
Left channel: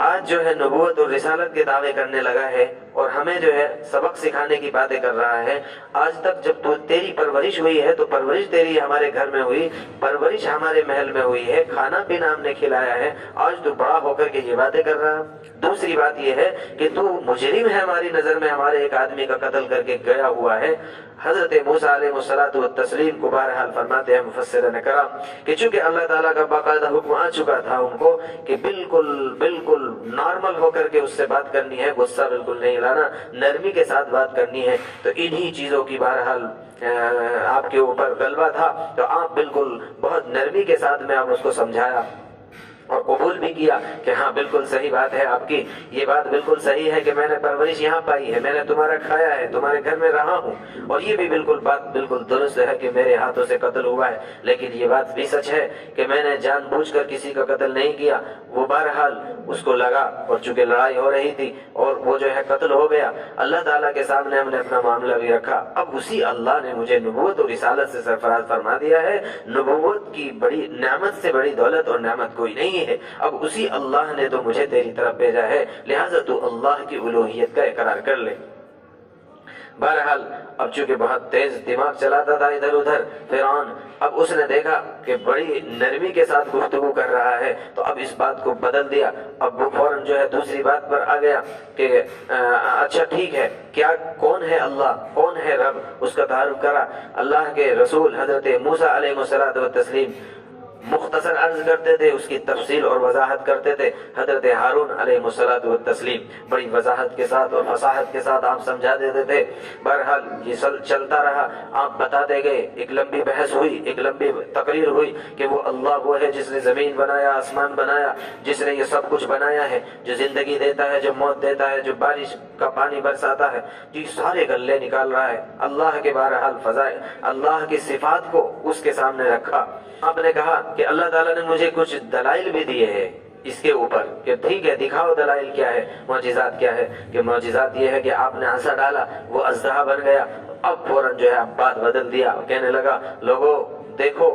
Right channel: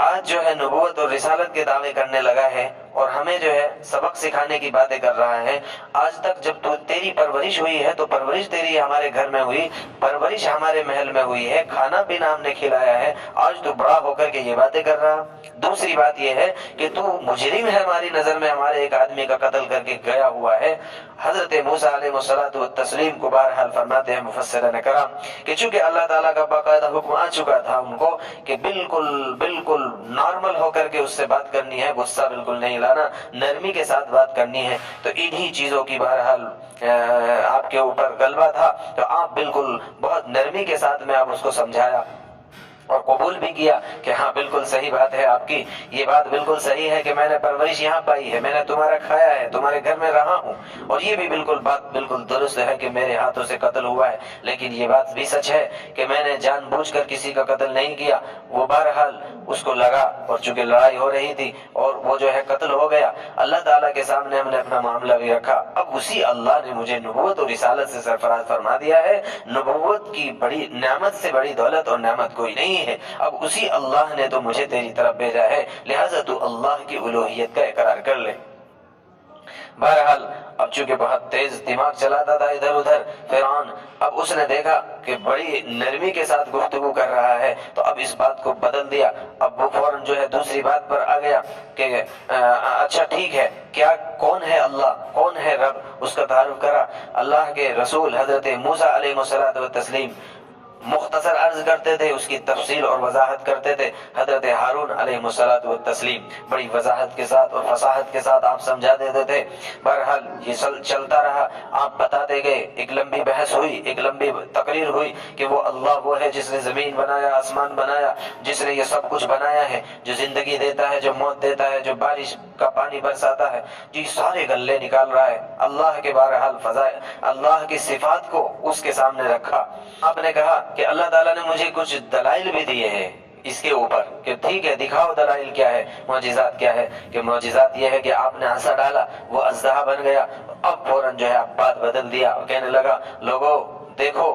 آج جو ہے نبوت اور رسالت کے دعوے کرنے لگا ہے اور ہمیں جو ہے سبق سکھانے کی باتیں کر رہا ہے۔ آج تک جب تو تیری پرورش ہوئی ہے تو پرورش تیری ہمارے گھر میں ہوئی، پرورش ہمارے محل میں ہوئی ہے، کھانا پینا ہم نے کھلایا ہے، آج تو بڑا ہو کر کے یہ باتیں کر رہا۔ دوسری بات یہ ہے کہ تو مجرم ہے ہماری نظر میں، ہمارے ایک آدمی کا قتل کر کے گیا ہوا ہے۔ حضرت موسیٰ علیہ الصلوۃ والتسلیم کو بہرحال فرماتے ہیں مفسرین کرام کہ چونکہ اللہ تعالیٰ کا باقاعدہ حکم آ چکا تھا ان کو کہ بالکل نارمل ہو کر کے اس سے بات کرنی ہے، غصہ بالکل نہیں لانا، نرمی کے ساتھ بات کرنی ہے، تو انہی چیزوں کی بہرحال آپ کے اوپر غلبہ تھا، تو آپ بالکل بہت نرمی کے ساتھ میں آپ اس کو سمجھایا اور قبول بھی کیا کہ ہاں بالکل صحیح بات ہے آپ کی، یہ بات بالکل صحیح ہے کہ میں نے پرورش یہاں پائی ہے، میں نے تمہارا کھایا ہے، تمہارے گھر میں رہا ہوں، اور یہ بھی بات بالکل درست ہے کہ میرے ہاتھوں سے قتل ہوا ہے، لیکن یہ بات بھی سچ ہے کہ میں نے جان بوجھ کر کسی کا قتل نہیں کیا۔ وہ بہرحال اس کو لگا، اور چونکہ لڑائی ہو رہی تھی اور وہ جو ہے قتل ہو گیا، اللہ تعالیٰ کے سامنے ہم نے اپنا معاملہ بھی رکھا، اب اسی اللہ نے مجھے نبوت اور رسالت سے سرفراز فرما دیا ہے۔ نبوت کی بڑی نعمت سے بڑی دولت اور نعمت کوئی نہیں ہے، اب اسی اللہ نے تو مجھے تیری طرف بھیجا ہے، لہذا تو اللہ کی الوہیت کا اقرار کر لے۔ بہرحال اب چونکہ بہت تیز دماغ چلاتا تھا ادھر ادھر فرعون، اب اس نے دیکھا کہ بڑی نرمی کے ساتھ گفتگو کر رہا ہے، تو اب اس بات کو بدل دیا، اب وہ فوراً جو ہے دوسری بات پر آ گیا کہ اچھا ٹھیک ہے، کیا کون ہے اللہ، کون ہے رب، اس کا تعارف کرا۔ اللہ کے رسول حضرت موسیٰ علیہ الصلوۃ والتسلیم مختصر عرض کرتے تھے، اس کی تفصیل اور وضاحت کرتے تھے۔ حضرت ہارون علیہ الصلوۃ والتسلیم بڑی وضاحت کے ساتھ اور فصاحت کے ساتھ آپ سمجھا دیتے تھے۔ بہرحال یہ چلتا رہا، آپ بتاتے گئے، ایک لمبی بحث ہوئی، ایک لمبی تقریر ہوئی کہ وہ اللہ وہ ہے جس نے زمین بنایا، آسمان بنایا، جس نے یہ سب کچھ بنایا ہے، جو زندگی دیتا ہے، جو موت دیتا ہے، جو بارش کا پانی برساتا ہے، جو سارے گلے نکال رہا ہے، اللہ کے بہرحال فضائل، اللہ کی صفات کو اس کے سامنے رکھا۔ آپ نے کہا کہ اللہ تعالیٰ نے مجھے کچھ دلائل بھی دیے ہیں اس کے اوپر کہ ٹھیک ہے دکھاؤ دلائل کیا ہے، معجزات کیا ہے، کہ معجزات یہ ہے کہ آپ نے عصا ڈالا، وہ اژدہا بن گیا۔ اب فوراً جو ہے بات بدل دیا، کہنے لگا لوگوں دیکھو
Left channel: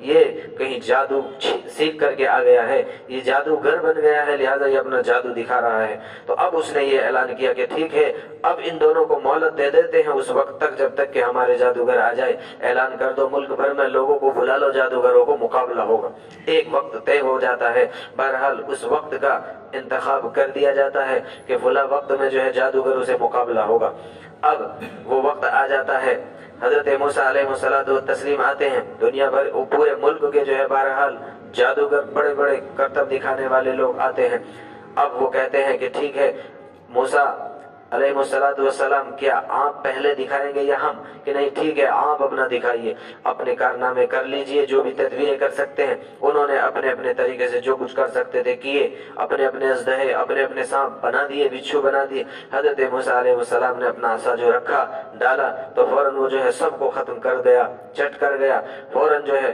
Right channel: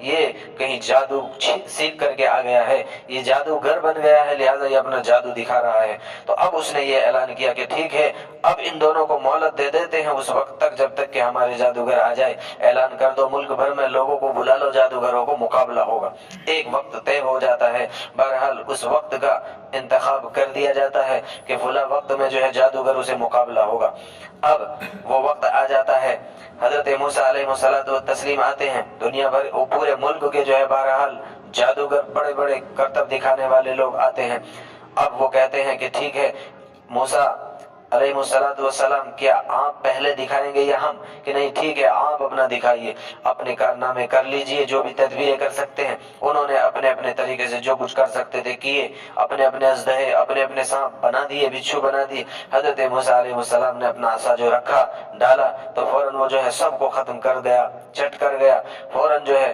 یہ کہیں جادو سیکھ کر کے آ گیا ہے، یہ جادوگر بن گیا ہے، لہٰذا یہ اپنا جادو دکھا رہا ہے۔ تو اب اس نے یہ اعلان کیا کہ ٹھیک ہے اب ان دونوں کو مہلت دے دیتے ہیں اس وقت تک جب تک کہ ہمارے جادوگر آ جائے، اعلان کر دو ملک بھر میں لوگوں کو بلا لو، جادوگروں کو مقابلہ ہوگا۔ ایک وقت طے ہو جاتا ہے، بہرحال اس وقت کا انتخاب کر دیا جاتا ہے کہ فلاں وقت میں جو ہے جادوگروں سے مقابلہ ہوگا۔ اب وہ وقت آ جاتا ہے، حضرت موسیٰ علیہ الصلوۃ والتسلیم آتے ہیں، دنیا بھر پورے ملک کے جو ہے بہرحال جادوگر بڑے بڑے کرتب دکھانے والے لوگ آتے ہیں۔ اب وہ کہتے ہیں کہ ٹھیک ہے موسیٰ علیہ الصلوۃ والسلام کیا آپ پہلے دکھائیں گے یا ہم؟ کہ نہیں ٹھیک ہے آپ اپنا دکھائیے، اپنے کارنامے کر لیجئے، جو بھی تدبیریں کر سکتے ہیں۔ انہوں نے اپنے اپنے طریقے سے جو کچھ کر سکتے تھے کیے، اپنے اپنے اژدہے اپنے اپنے سانپ بنا دیے، بچھو بنا دیے۔ حضرت موسیٰ علیہ السلام نے اپنا عصا جو رکھا ڈالا تو فوراً وہ جو ہے سب کو ختم کر گیا، چٹ کر گیا۔ فوراً جو ہے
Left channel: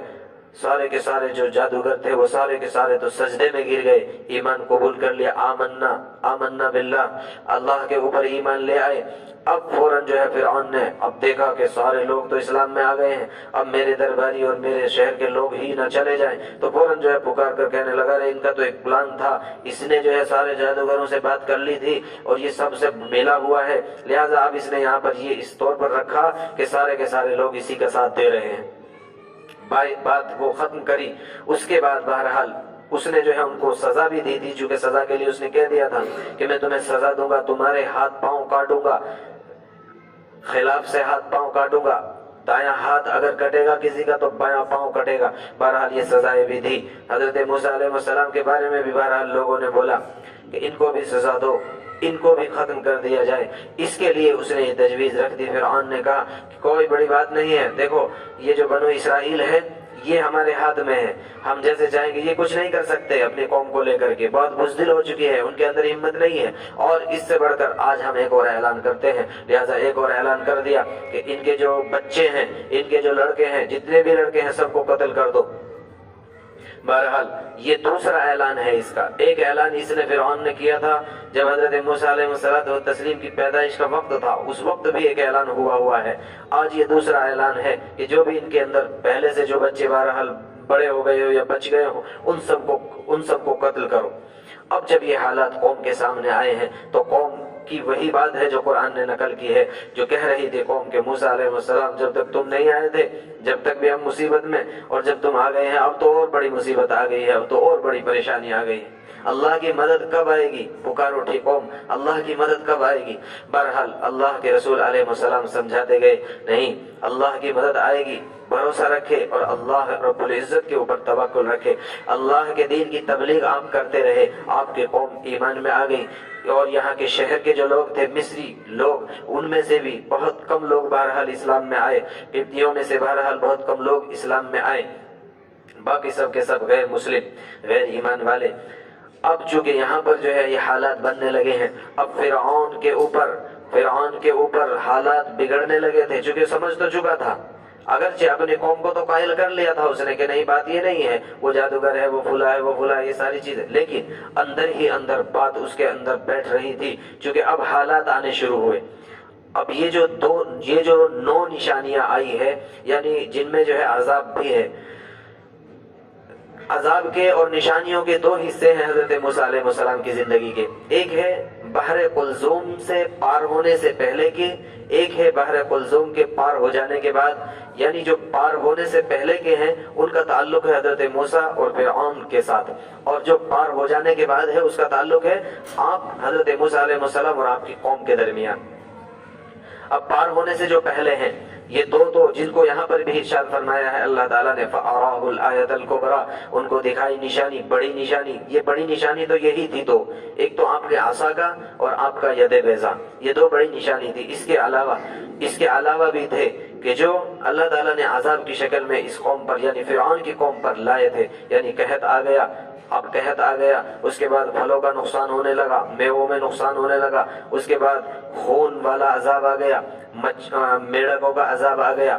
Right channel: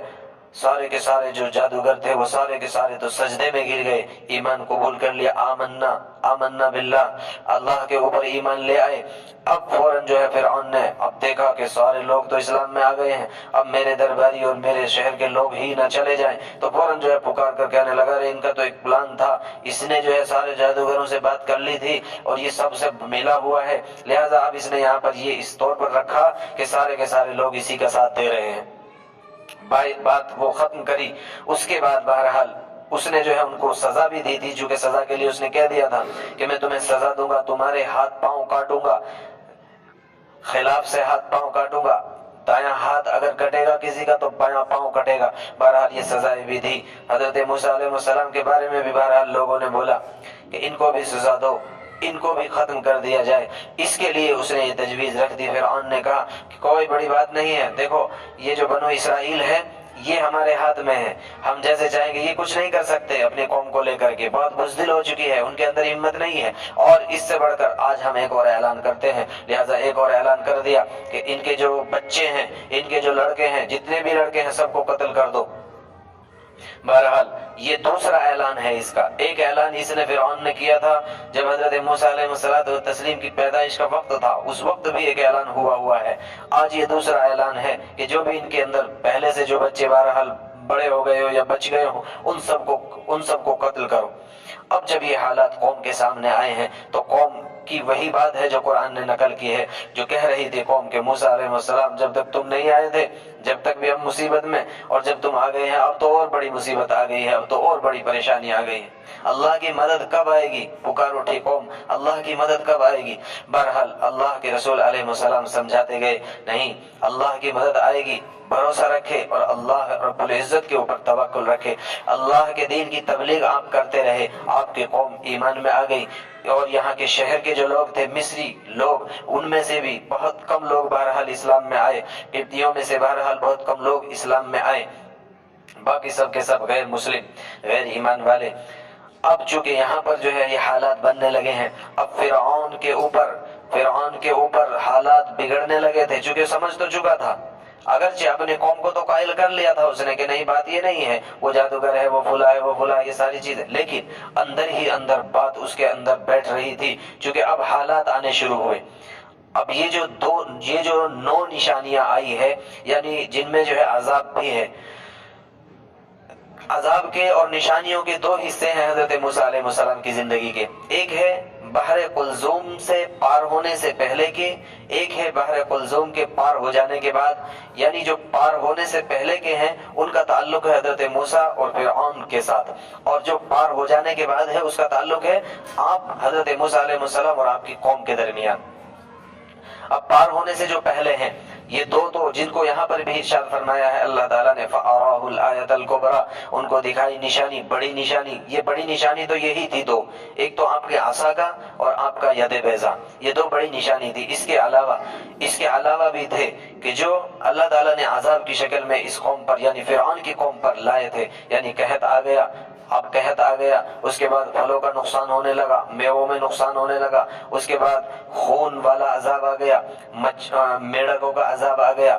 سارے کے سارے جو جادوگر تھے وہ سارے کے سارے تو سجدے میں گر گئے، ایمان قبول کر لیا، آمنا باللہ، اللہ کے اوپر ایمان لے آئے۔ اب فوراً جو ہے فرعون نے اب دیکھا کہ سارے لوگ تو اسلام میں آ گئے ہیں، اب میرے درباری اور میرے شہر کے لوگ ہی نہ چلے جائیں، تو فوراً جو ہے پکار کر کہنے لگا رہے ان کا تو ایک پلان تھا، اس نے جو ہے سارے جادوگروں سے بات کر لی تھی اور یہ سب سے ملا ہوا ہے، لہٰذا اب اس نے یہاں پر یہ اس طور پر رکھا کہ سارے کے سارے لوگ اسی کا ساتھ دے رہے ہیں۔ بات وہ ختم کری، اس کے بعد بہرحال اس نے جو ہے ان کو سزا بھی دی تھی، چونکہ سزا کے لیے اس نے کہہ دیا تھا کہ میں تمہیں سزا دوں گا، تمہارے ہاتھ پاؤں کاٹوں گا، خلاف سے ہاتھ پاؤں کاٹوں گا، دایاں ہاتھ اگر کٹے گا کسی کا تو بایاں پاؤں کٹے گا۔ بہرحال یہ سزائیں بھی دی۔ حضرت موسیٰ علیہ السلام کے بارے میں بھی بہرحال لوگوں نے بولا کہ ان کو بھی سزا دو، ان کو بھی ختم کر دیا جائے۔ اس کے لیے اس نے یہ تجویز رکھ دی۔ فرعون نے کہا کہ کوئی بڑی بات نہیں ہے، دیکھو یہ جو بنو اسرائیل ہے یہ ہمارے ہاتھ میں ہے، ہم جیسے چاہیں گے یہ کچھ نہیں کر سکتے، اپنی قوم کو لے کر کے بہت بزدل ہو چکی ہے، ان کے اندر ہمت نہیں ہے، اور اس سے بڑھ کر آج ہم ایک اور اعلان کرتے ہیں۔ لہٰذا ایک اور اعلان کر دیا کہ ان کے جو بچے ہیں، ان کے جو لڑکے ہیں، جتنے بھی لڑکے ہیں سب کو قتل کر دو۔ بہرحال یہ دوسرا اعلان ہے اس کا۔ ایک اعلان اس نے فرعون نے کیا تھا جب حضرت موسیٰ علیہ السلام کی پیدائش کا وقت تھا، اس وقت بھی ایک اعلان ہوا ہے۔ آج یہ دوسرا اعلان ہے کہ جو بھی ان کے اندر پہلے سے جو بچے بہرحال بڑے ہو گئے ہو یا بچ گئے ہو ان سب کو قتل کرو۔ اب جب یہ حالات قوم کے سامنے آئے ہیں تو قوم کی وہی بات ہے جو قرآن نے نقل کی ہے، جو کہہ رہی تھی قوم کے موسیٰ علیہ السلام جب تک تم نہیں آئے تھے جب تک بھی ہم مصیبت میں، اور جب تم آ گئے ہیں اب تو اور بڑی مصیبت آ گئی ہے، اب تو اور بڑی پریشانی آ گئی ہے، اللہ کی مدد کب آئے گی؟ پکار اٹھی قوم، اللہ کی مدد کب آئے گی؟ بہرحال اللہ کے رسول علیہ السلام سمجھاتے گئے نہیں، اللہ کی مدد آئے گی، بھروسہ رکھے اور اللہ رب العزت کے اوپر توکل رکھے، اللہ کے دین کی تبلیغ آپ کرتے رہے، آپ کی قوم ایمان میں آ گئی۔ اور یہاں کے شہر کے جو لوگ تھے مصری لوگ، ان میں سے بھی بہت کم لوگ بہرحال اسلام میں آئے، قبطیوں میں سے بہرحال بہت کم لوگ اسلام میں آئے، باقی سب کے سب غیر مسلم، غیر ایمان والے۔ اب چونکہ یہاں پر جو ہے یہ حالات بننے لگے ہیں، اب فرعون کے اوپر حالات بگڑنے لگے تھے، چونکہ سمجھ تو چکا تھا، اگرچہ اپنی قوم کو تو قائل کر لیا تھا اس نے کہ نہیں بات یہ نہیں ہے، وہ جادوگر ہے، وہ فلاں ہے، وہ فلاں، یہ ساری چیزیں، لیکن اندر ہی اندر بات اس کے اندر بیٹھ رہی تھی، چونکہ اب حالات آنے شروع ہوئے۔ اب یہ جو 9 نشانیاں آئی ہے، یعنی جن میں جو ہے عذاب بھی ہے، عذاب کے اور نشانیوں کے 2 حصے ہیں حضرت موسیٰ علیہ السلام کی زندگی کے، ایک ہے بحر قلزوم سے پار ہونے سے پہلے کے، ایک ہے بحر قلزوم کے پار ہو جانے کے بعد، یعنی جو پار ہونے سے پہلے کے ہیں ان کا تعلق ہے حضرت موسیٰ اور فرعون کے ساتھ، اور جو پار ہو جانے کے بعد ہے اس کا تعلق ہے آپ حضرت موسیٰ علیہ السلام اور آپ کی قوم کے درمیان۔ اب پار ہونے سے جو پہلے ہیں یہ 2 تو جن کو یہاں پر بھی ارشاد فرمایا ہے اللہ تعالیٰ نے فَأَرَاهُ الْآيَةَ الْكُبْرَى، ان کو دکھائی نشانی، بڑی نشانی۔ یہ بڑی نشانی تو یہی تھی 2، ایک تو آپ کے عصا کا اور آپ کا ید بیضا، یہ 2 بڑی نشانی تھی۔ اس کے علاوہ بھی تھے کہ جو اللہ تعالیٰ نے عذاب کی شکل میں اس قوم پر یعنی فرعون کی قوم پر لائے تھے، یعنی قحط آ گیا، اب قحط آ گیا، اس کے بعد پھلوں کا نقصان ہونے لگا، میووں میں نقصان ہونے لگا، اس کے بعد خون والا عذاب آ گیا، میڑکوں کا عذاب آ گیا،